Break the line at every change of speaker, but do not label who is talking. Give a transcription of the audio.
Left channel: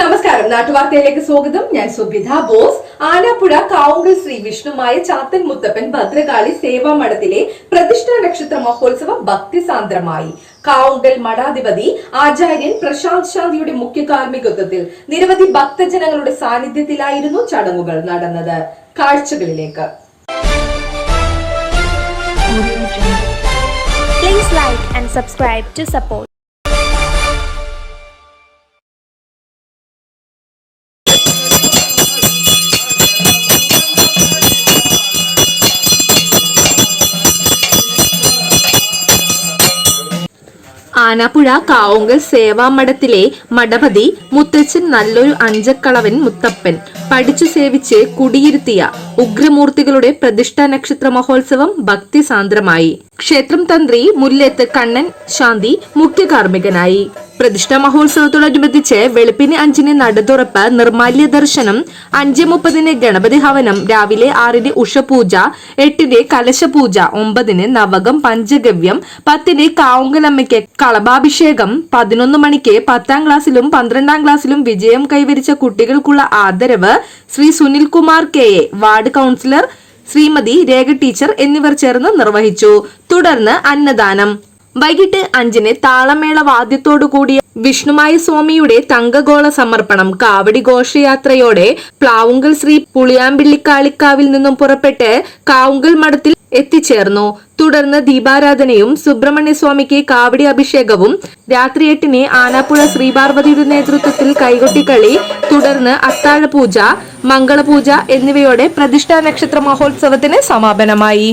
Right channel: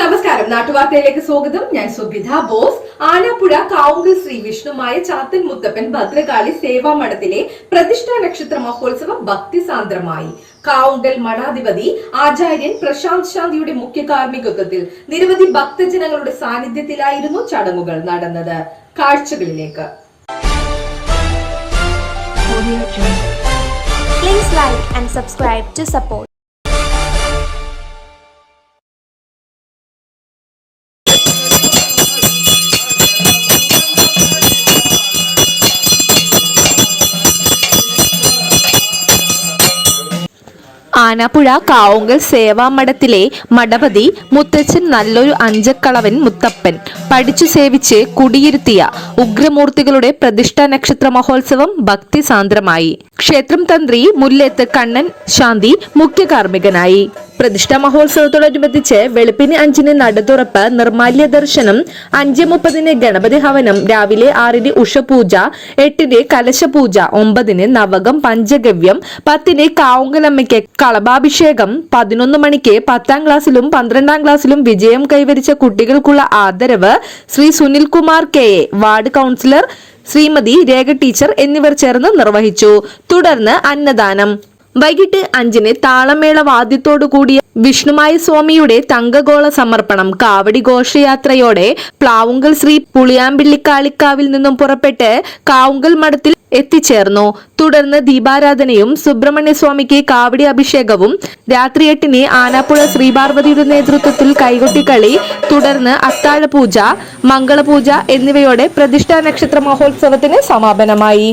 നമസ്കാരം. നാട്ടുവാർത്തയിലേക്ക് സ്വാഗതം. ഞാൻ സുഗിത ബോസ്. ആനപ്പുഴ കാവുങ്കൽ ശ്രീ വിഷ്ണുമായ ചാത്തൻ മുത്തപ്പൻ ഭദ്രകാളി സേവാ മഠത്തിലെ പ്രതിഷ്ഠാ നക്ഷത്ര മഹോത്സവം ഭക്തിസാന്ദ്രമായി. കാവുങ്കൽ മഠാധിപതി ആചാര്യൻ പ്രശാന്ത് ശാന്തിയുടെ മുഖ്യ കാർമ്മികത്വത്തിൽ നിരവധി ഭക്തജനങ്ങളുടെ സാന്നിധ്യത്തിലായിരുന്നു ചടങ്ങുകൾ നടന്നത്. കാഴ്ചകളിലേക്ക്.
Please like and subscribe to support.
Anappuzha Kavungal സേവാമഠത്തിലെ മഠപതി മുത്തച്ഛൻ നല്ലൊരു അഞ്ചക്കളവൻ മുത്തപ്പൻ. പഠിച്ചു സേവിച്ച് കുടിയിരുത്തിയ ഉഗ്രമൂർത്തികളുടെ പ്രതിഷ്ഠാ നക്ഷത്ര മഹോത്സവം ഭക്തിസാന്ദ്രമായി. ക്ഷേത്രം തന്ത്രി മുല്ലേത്ത് കണ്ണൻ ശാന്തി മുഖ്യ കാർമ്മികനായി. പ്രതിഷ്ഠാ മഹോത്സവത്തോടനുബന്ധിച്ച് വെളുപ്പിന് അഞ്ചിന് നടതുറപ്പ് നിർമാല്യ ദർശനം അഞ്ച് മുപ്പതിന് ഗണപതി ഹവനം രാവിലെ ആറിന് ഉഷപൂജ എട്ടിന് കലശപൂജ ഒമ്പതിന് നവകം പഞ്ചഗവ്യം പത്തിന് കാവുങ്കലമ്മയ്ക്ക് കളഭാഭിഷേകം പതിനൊന്ന് മണിക്ക് പത്താം ക്ലാസ്സിലും പന്ത്രണ്ടാം ക്ലാസ്സിലും വിജയം കൈവരിച്ച കുട്ടികൾക്കുള്ള ആദരവ് Shri Sunilkumar K A ward councillor Shrimati Rekha teacher എന്നിവർ ചേർന്ന് നിർവഹിച്ചു. തുടർന്ന് അന്നദാനം. വൈകിട്ട് അഞ്ചിന് താളമേള വാദ്യത്തോടു കൂടിയ വിഷ്ണുമായ സ്വാമിയുടെ തങ്കഗോള സമർപ്പണം കാവടി ഘോഷയാത്രയോടെ പ്ലാവുങ്കൽ ശ്രീ പുളിയാമ്പിള്ളിക്കാളിക്കാവിൽ നിന്നും പുറപ്പെട്ട് കാവുങ്കൽ മഠത്തിൽ എത്തിച്ചേർന്നു. തുടർന്ന് ദീപാരാധനയും സുബ്രഹ്മണ്യസ്വാമിക്ക് കാവടി അഭിഷേകവും രാത്രി എട്ടിന് ആനാപ്പുഴ ശ്രീപാർവതിയുടെ നേതൃത്വത്തിൽ കൈകൊട്ടിക്കളി തുടർന്ന് അത്താഴപൂജ മംഗളപൂജ എന്നിവയോടെ പ്രതിഷ്ഠാ നക്ഷത്ര മഹോത്സവത്തിന് സമാപനമായി.